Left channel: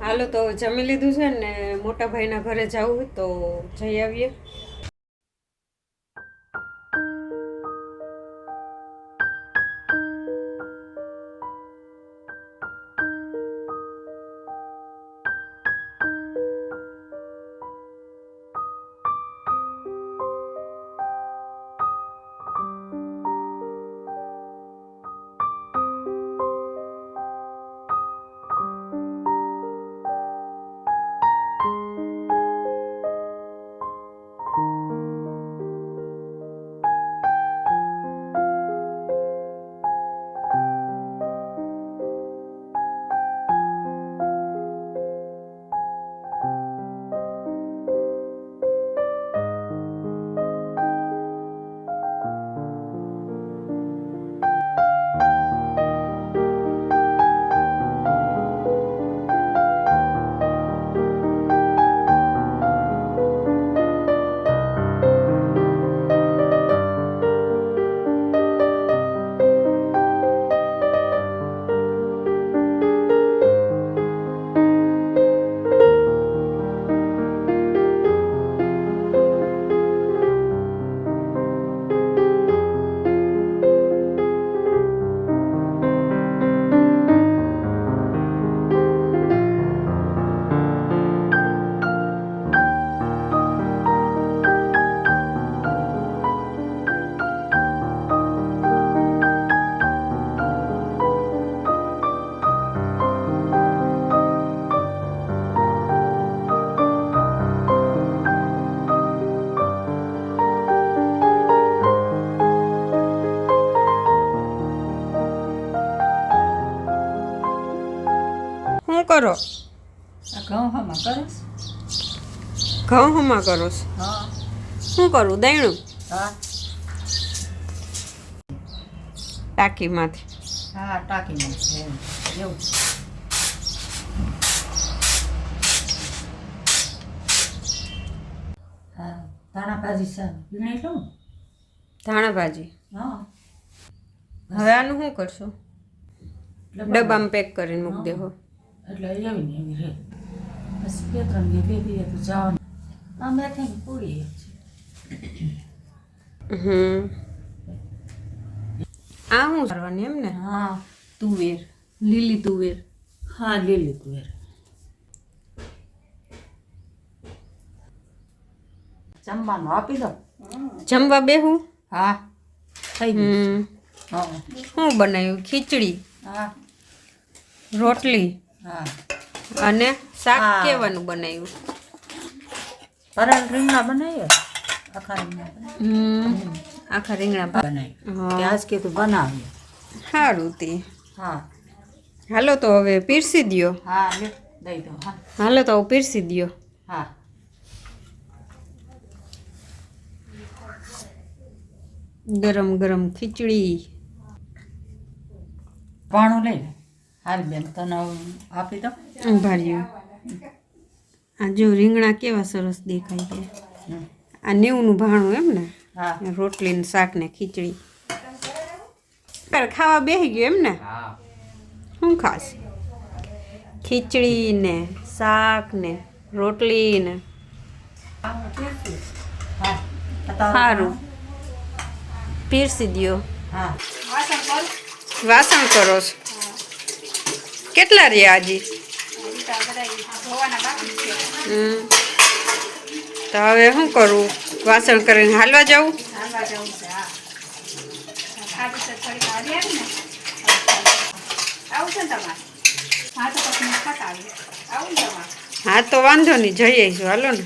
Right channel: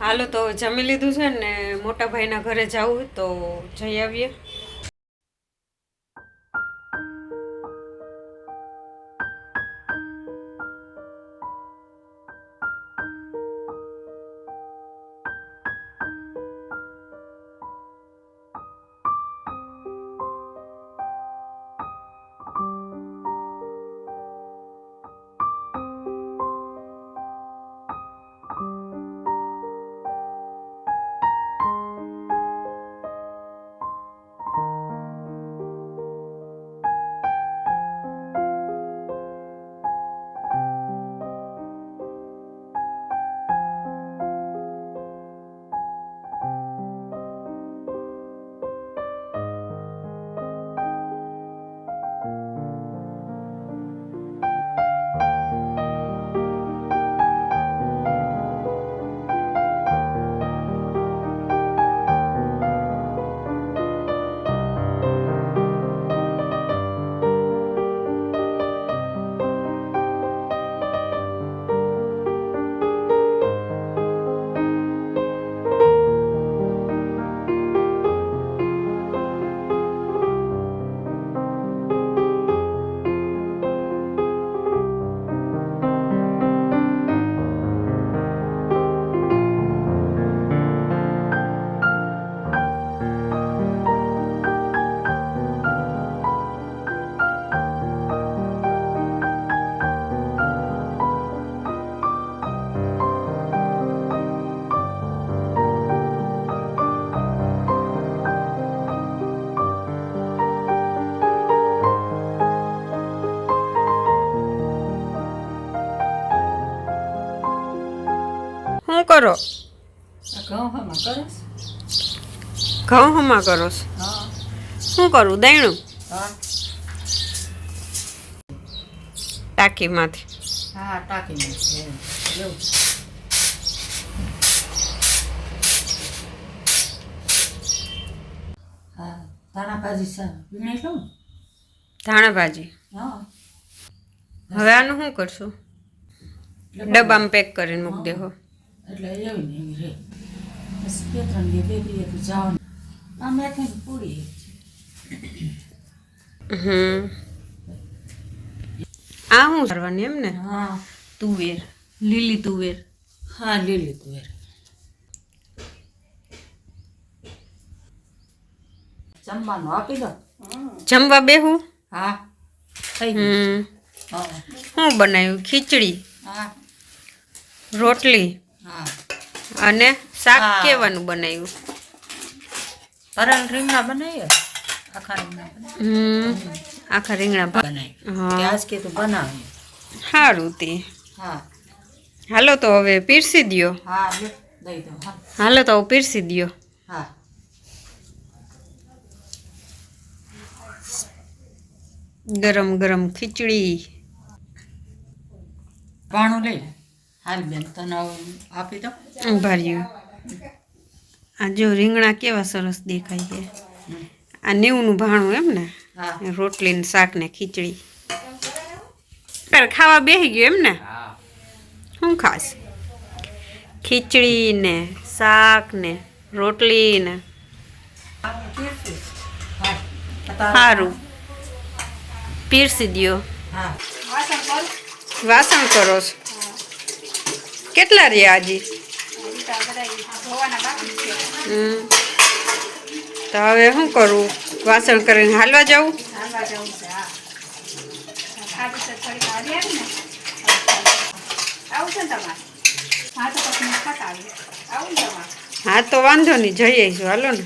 હાલો તો જમી લીધું છે ને મોટા ભાઈના ઘરે જવું તો જઈ આવીએ. શું કરો? ઘઉં હમા કરો? શું કરું? દૈણું ટાંકીમાંથી? હા, ટાંકીમાંથી એવું. હા, ધાણા ભાજી વીણાઈ લઉં. ધાણા ભાજી? હા. હવે આનું શું કરશું? ડબ્બામાં પેક કરીને મૂકી દેહો. એટલે એવી ને એવી રહે. બસ 2-3 બે તો જવાનું. અમે પૂરી. આ શું કરવાની એમ ને? હા, તુવેર, લીલી તુવેર. હા, લીલી તુવેર. જમવાનું આપી દો. જમવા બેહું? હા, થઈ ગયું. શું બનાવ્યું? ખીચડી, હા, રોટલી, હા, અને શાક કેવાનું બનાવ્યું? ભરેલ રીંગણા બનાવ્યો. આખા રીંગણા. આખા રીંગણા બનાવી. આજ કે તું બનાવી. સારું તે. હા, હાલો તો હવે પીરસી દ્યો. હા, દઈ દો. હા, હાલો તો પીરસી દ્યો. હા. ગરમ ગરમ ખીચડી. પાણું લઈ લે. હાલ બેન તને આપી દો. ભાર્યું. આ જો રીંગણા કેવા સરસ દેખાય છે. આ 90નું ભાણું એમ ને? હા. રોટલી ને શાક ને ખીચડી. ખાવા બેસી ગયો એમ ને? શું ખાસ? ખીચડી ને શાક ને રોટલી ને. સારું, પીરસી દ્યો. હા, વાસણ કરો છો? કેટલા રહ્યા હજી? તો હવે શું કરું? વાસણ કરીને હાલવા જાઉં? હા તો વાંધો નહીં, જઈ આવીશું. હાલો ને.